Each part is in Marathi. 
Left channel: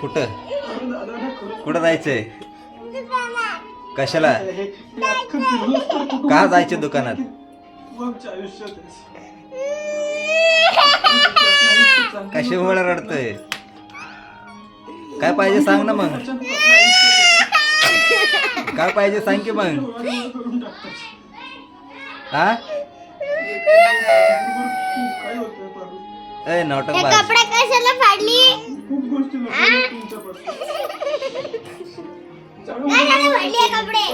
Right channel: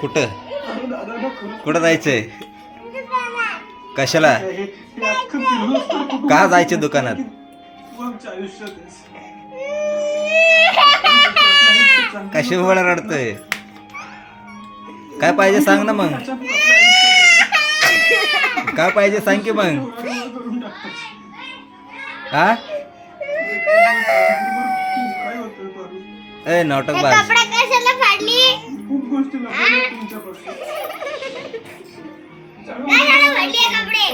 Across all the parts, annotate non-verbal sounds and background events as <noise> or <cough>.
कुठं? कुठं जायचंय? कशाला? का जायचे दुकानात? कशामुळे रडतोय? काय पाहिजे सांग ना मग. काय पाहिजे सांग की मग. हा? ए नाटक बाज. कपडे कशाला फाडली? कशाला फाडली हे कपडे?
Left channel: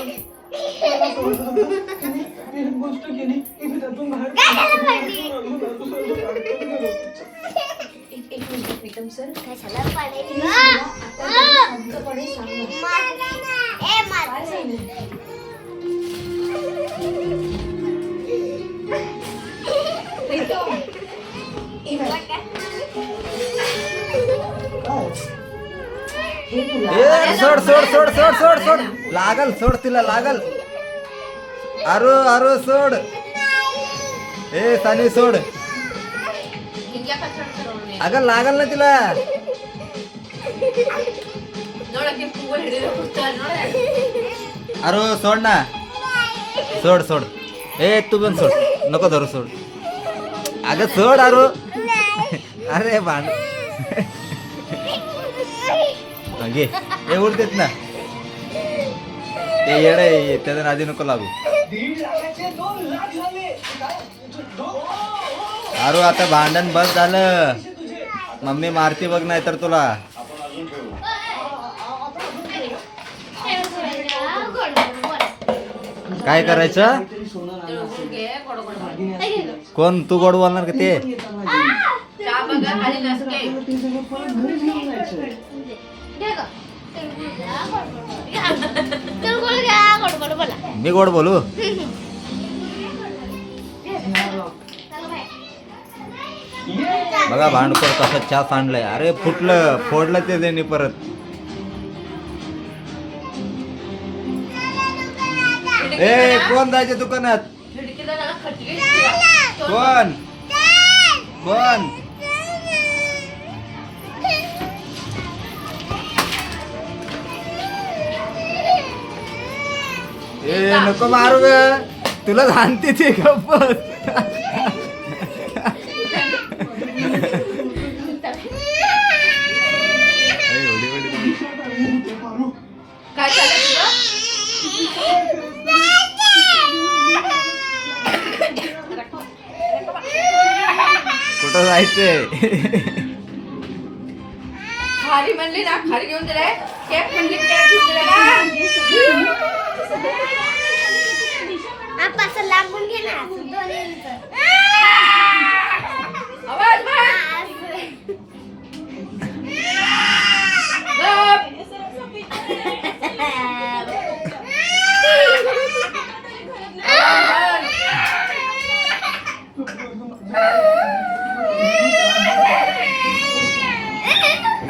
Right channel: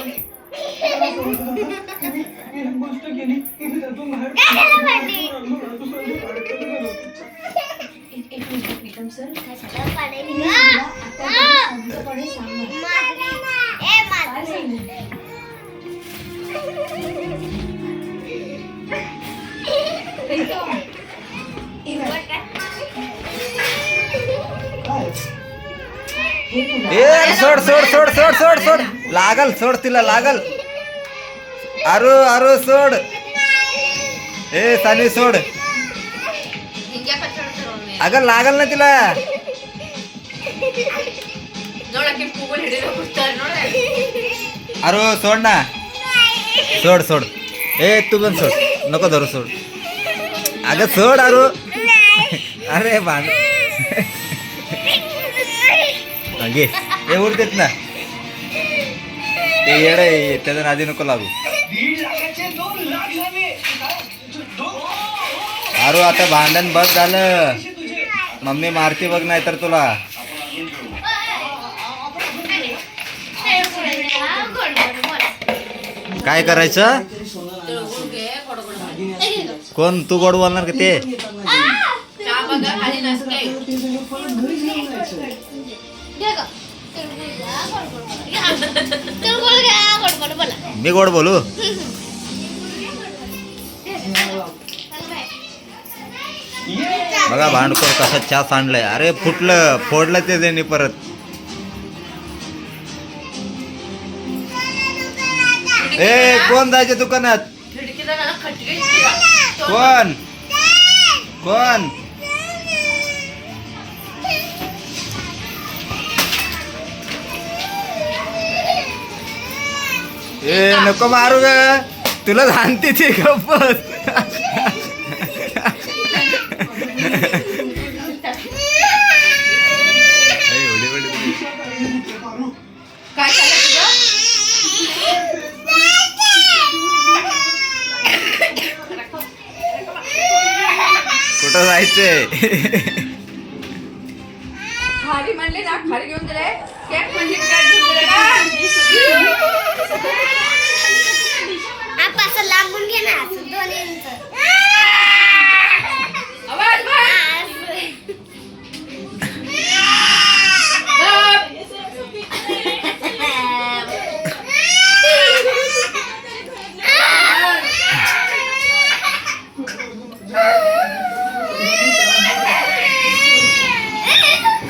कशाला फाडली? कशाला फाडली? ए माझं ए सोड सोड सोड सोड सोड. सोड लागल सोड तिला लागल. अरो अरो सोड. ए सानवी सोड. अगं लागल ना तिला. अरो सोड ना. सोड सोड. ए तू पण सोड. नको धरू सोड. अगं सोड अरो अरे बांध घे हे उरतेत ना ते येड आहे त्याच्या नादी नको लागू. अरे आता भांडण बस झालं. मम्मी मारती बघ नाही तर तुला. काय करायचं? कोण? तू गोड बोलणार का ते? मी गोड बोलू? बघा भांडखोर कसं चहा सांडलंय अरे फुटलं फोडलं ते त्यांनी परत. ए कोण जायचे दुकानात? कोण? कोण? ए नको मारू ग. तुला सांगते ती चाललं कुठं जायचंय? खारी म्हणली ना खारी घेऊन दिलाय केक म्हणजे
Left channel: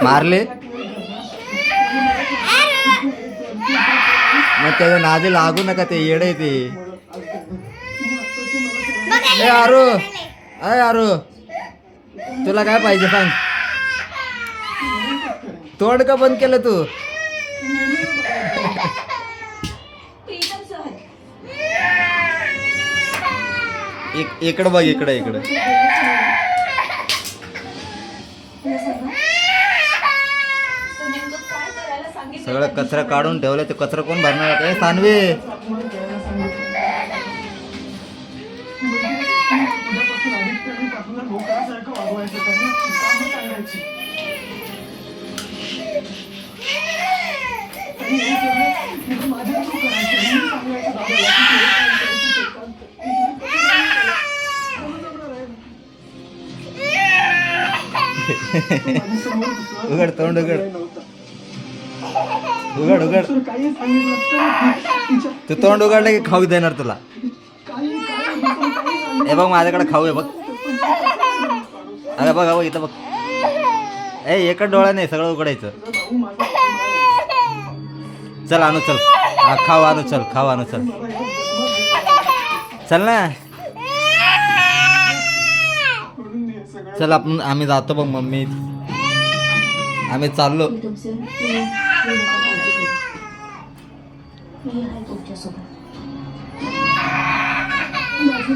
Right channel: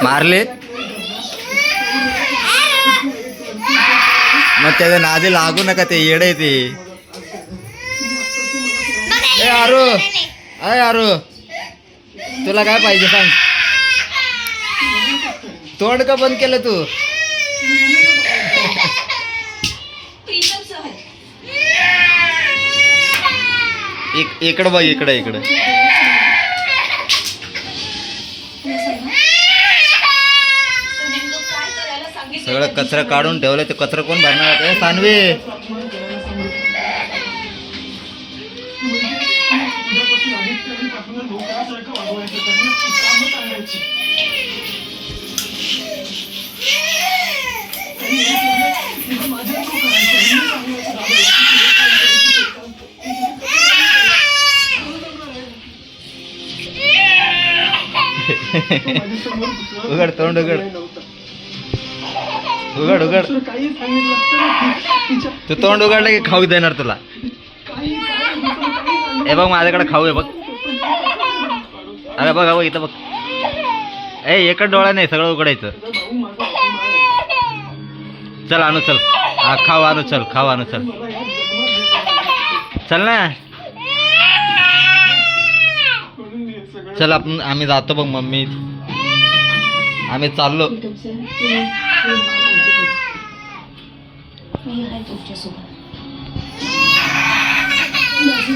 मारले. मग त्याच्या नादी लागू नका ते येडे ते. ए आरू. अय आरू. तुला काय पाहिजे सांग. तोंड का बंद केलं तू? <laughs> इक- इकडं बघ इकडं इकडं. सगळं कचरा काढून ठेवलं ते कचरा कोण भरणार? ए सानवे! <laughs> उघड तोंड उघड. उघड उघड. तू तोंड उघडलं की खाऊ देणार तुला. हे बघ माझ्याकडे खाऊ आहे बघ. अरे बघ बघ इथं बघ. ए एकच डोळा नाही सगळं उघडायचं. चल आणू चल. हा खाऊ आणू चल खाऊ आणू चल. चल ना. चल आपण आम्ही जातो बघ मम्मी. आम्ही चाललो. मी आहे तुमच्यासोबत माझी